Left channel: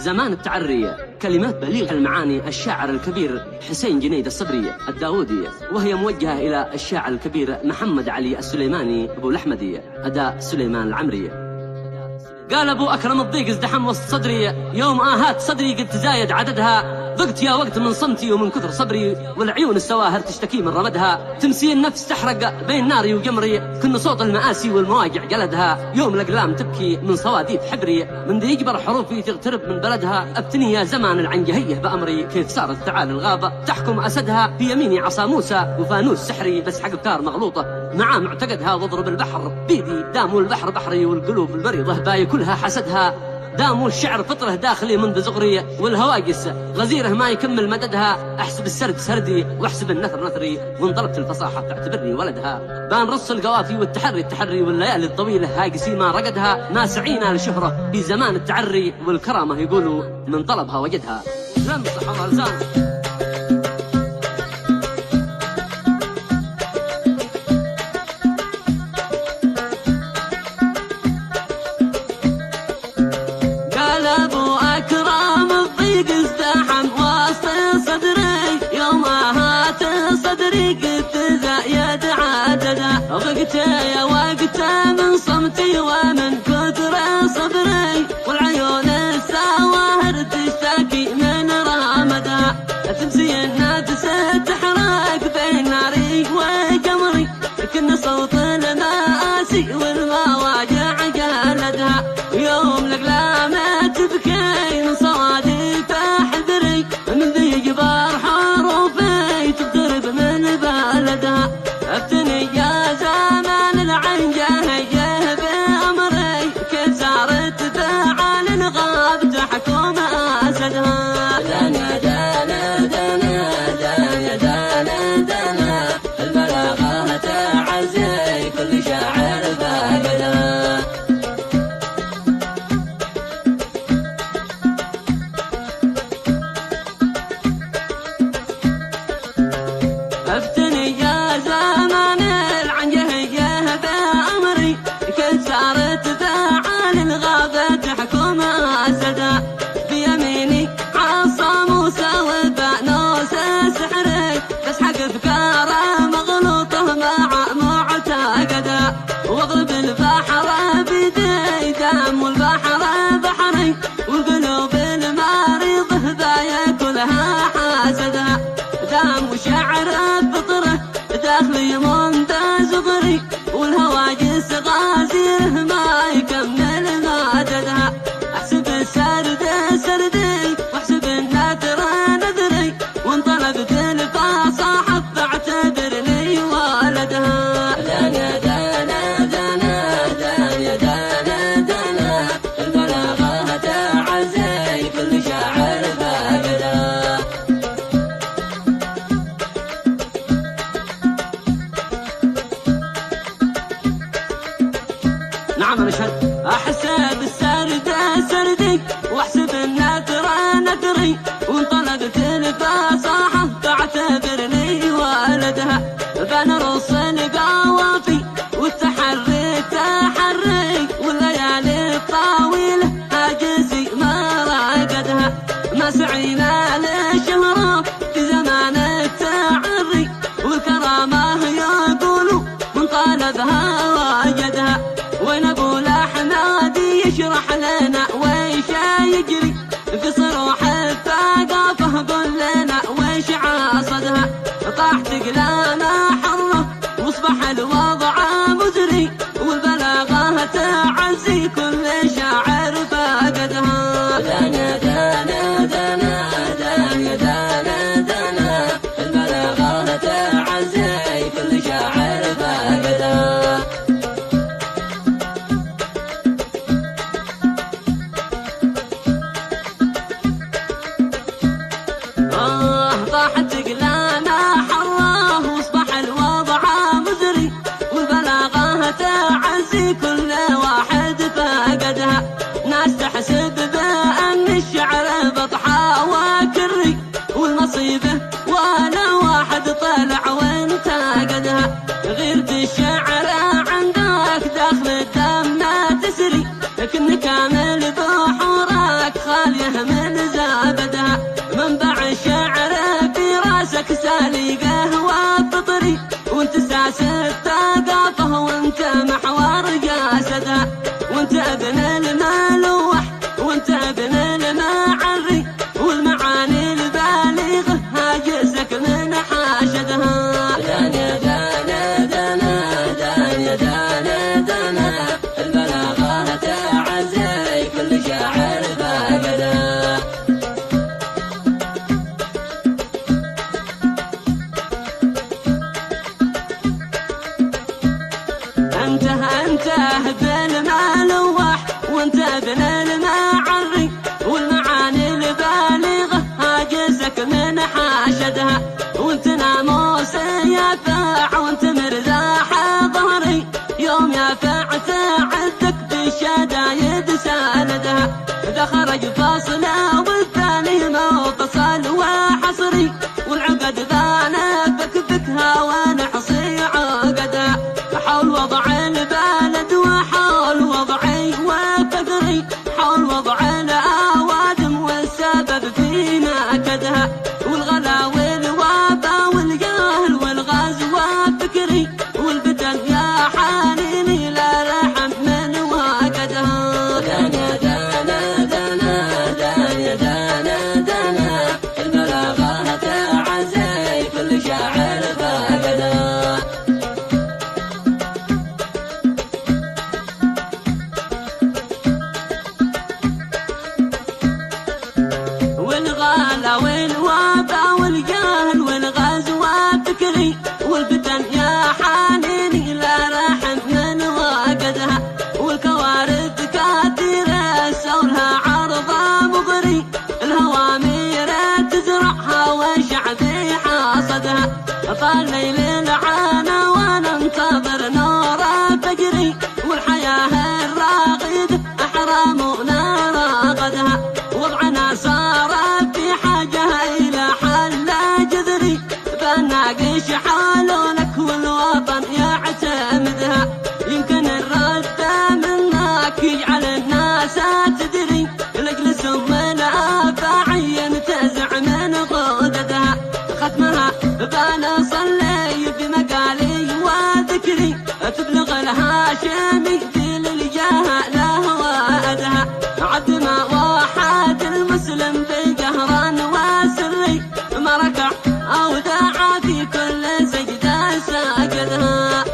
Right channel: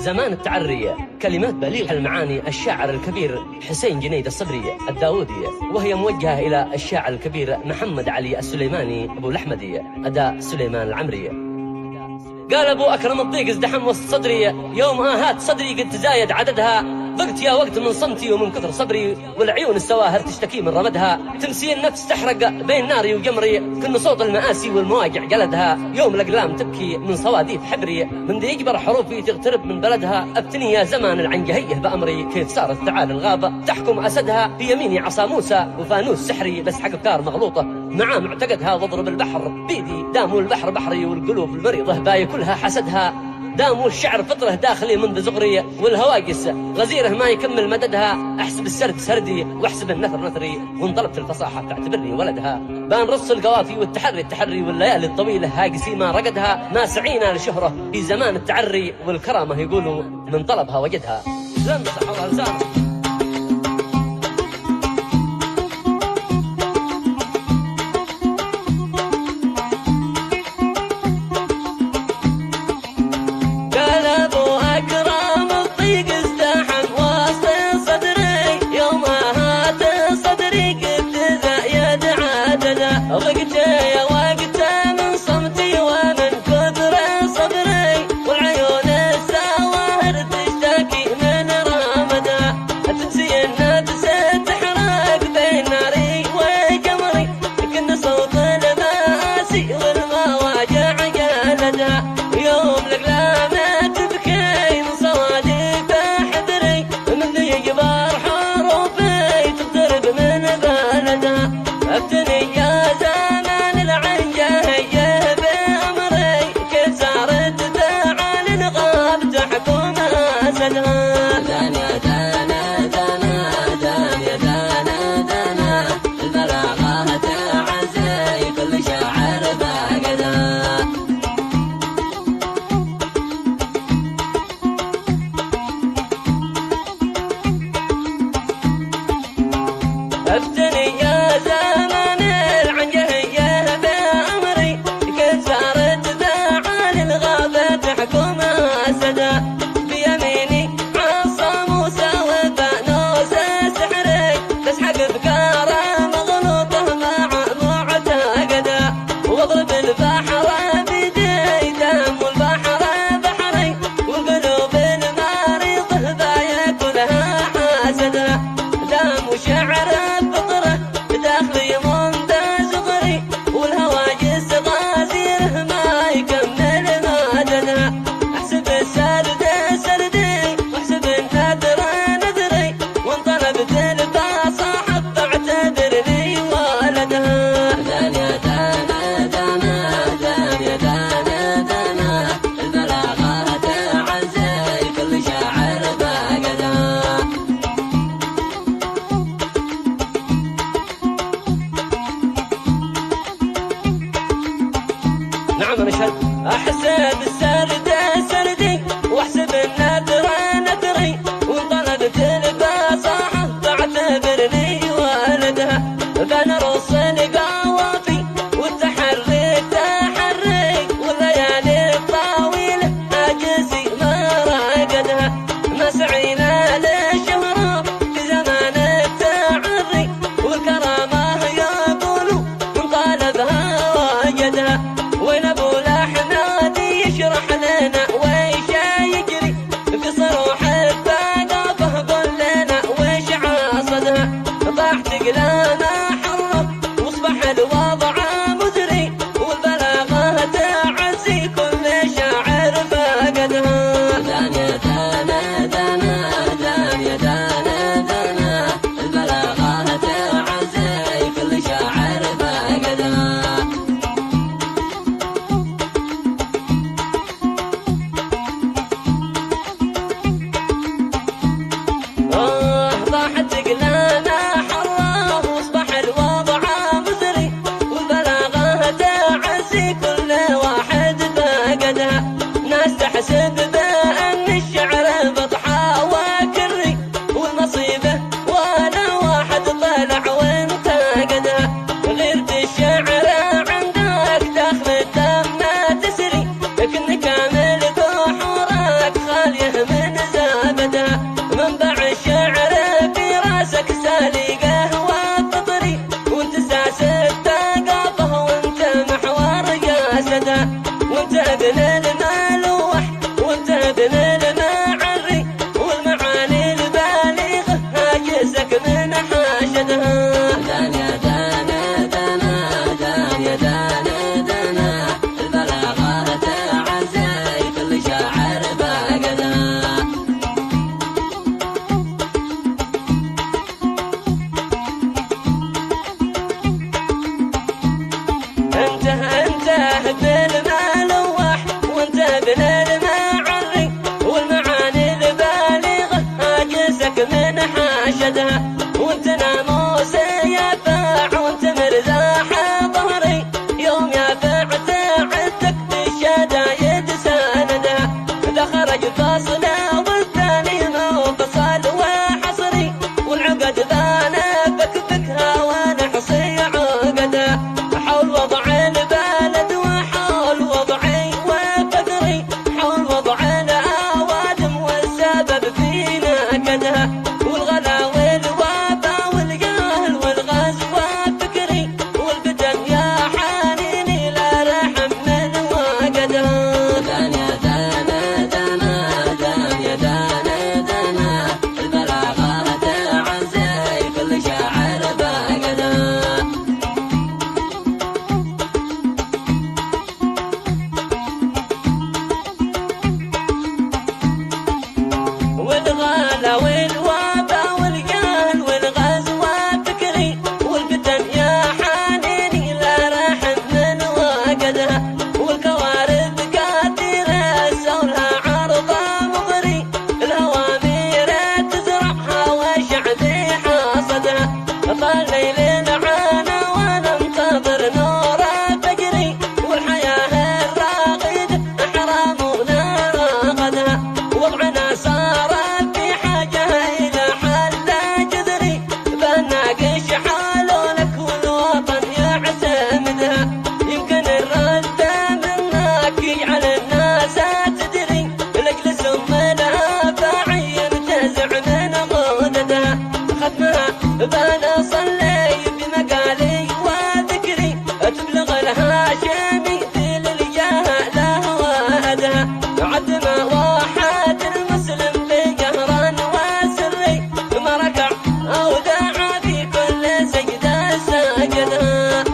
زمان التعري، كلمات بليغ المعاني الشاعر الكبير حسين جنيد الصبري الداودي، وهي موجهة إلى الشاعر الكبير محمد علي السليماني أبو الأحمدي أداء سليمان العمري. قال أبو أكرم الضيق ازدحم وسط صدري، يوم آهات صدري قد تزايد عددها، ضقت يا وقت من صمتي ومن كثر صبري، والعيون السواهر تشتكي من رمدها، تمسي النفس تحرق بين ناري وقمري، كن صوت المآسي والمواجع جلدها، يوم الأقلام تبكي من صواديف حبري، من ذي يجبر حروفي تغترب من بلدها، أفتني يا زمان العنجهيه بأمري، كيف صارت تعال الغابة تحكم أسدها، في يميني عصا موسى وفانوس سحري، بس حق أفكار مغلوطة مع معتقدها، واضرب البحر بيدي داموا البحر بحري، والقلوب المريضة باي كلها حسدها، داموا الشعر فطره داخلي منذ صغري، والهواجس غزيره ما يكمل مددها، احسب السرد سردي واحسب النثر نثري، وانطلبت الفصاحه تعتبرني ولدها، بان رص القوافي والتحري التحري، والليالي الطويله هاجسي ما رقدها، ما سعينا لشهره في زمان التعري، والكرامه يقولوا من طلبها وجدها، لنصح ورزانه. قال أبو أكرم الضيق ازدحم وسط صدري، يوم هات صدري قد تزايد عددا، ضقت يا وقت من صمتي ومن كثر صبري، والعيون السواهر تشتكي من رمدا، تمسي النفس تحرق بين ناري وقمري، كن صوت المآسي والمواجع جلدها، يوم الأقلام تبكي من صواديف حذري، من ذي يجبر حروفي تغترب من بلدها، افتني يا زمان العنجهيه بأمري، كيف صارت تعال الغاب تحكم أسدها. افتني يا زمان العنجهيه بأمري، كيف صارت تعال الغابة تحكم أسدا، بيميني عصا موسى وفانوس سحري، تسحق افكاره مغلوطه مع معتقده، واضرب البحر بيدي دام البحر بحري، والقلوب المريضه بايا كلها حاسده، دام وشعر بفطره داخلي منذ صغري، والهواجس غازيره ما يكمل مددها، احسب السرد سردي واحسب النثر نثري، وانطلبت الفصاحه فاعتبرني ولدها. نعم نشهد احسب السرد سردي واحسب النثر نثري، وانطلبت الفصاحه فاعتبرني ولدها، بنرص القوافي والتحري التحري، والليالي الطويله هاجسي ما راقدها، ما سعينا لشهره في زمان التعري، والكرامه يقولوا من طالبها وجدها، وين ابو الاحمد يشرح لنا ويش يجري في صروح الثقافه، قل لنا ويش عاصدها، طاح تقلامه حره واصبح الوضع مزري، والبلاغه تعزي كل شاعر فقدها. طاحت قلامه حره واصبح الوضع مزري، والبلاغه تعزي كل واحد فقدها، ناس تحسب بأن الشعر بطحة وكري، والمصيبة ولا واحد طلع وانتقدها، غيرت الشعر عندك داخل الدم تسري، لكن كامل بحورك غالية من زابدها. منبع الشعر في راسك سالقه وفطري، وانت ساس الثقافة وانت محور جاسدها. وانت ابن الملوح وانت ابن المعري، والمعاني البالغة هاجسك من حاشدها. انت بالملوح وانت ابن المعري، والمعاني البالغة هاجسك من حاشدها. وانت ناموس يافع وانت مرزاح ظهري، يوم يافع تعدك بالشدايد ساندها. اذا خرج فاصله والثاني منفصل وحصري، والعقد بان فكفكها ونحصي عقدها. حول وضع البلد وحول وضعي وفقري، حول وضع الأوادم والسبب في نكدها. والغلا والوبا والجهل والغاز وفكري، والفتن يا حنيني لا رحم من وقدها. والغلا والوبا والجهل والغاز وفكري، والفتن يا حنيني لا رحم من وقدها. والكوارث كثيرة سولها عرضها مغري، الهوامير تزرعها وشعبي حاصدها. طال ليل العانا وننتظر نور فجري، والحياة الراغدة حرامنا راغدها. وضعنا صار في حاجة إلى حل جذري، فالناقش حالونك والوطن يعتمدها. يمكن الرد منك يجعل الناس تدري، لجلس الافاعي ينتزع من غددها. ختمها بنصلي بمقالي وذكري، تبلغ الهاشمي في الجهل وأدها. عد ما واحد المسلم بجهرا وسري، ما ركع أو دعا في كل سجدة سجدها.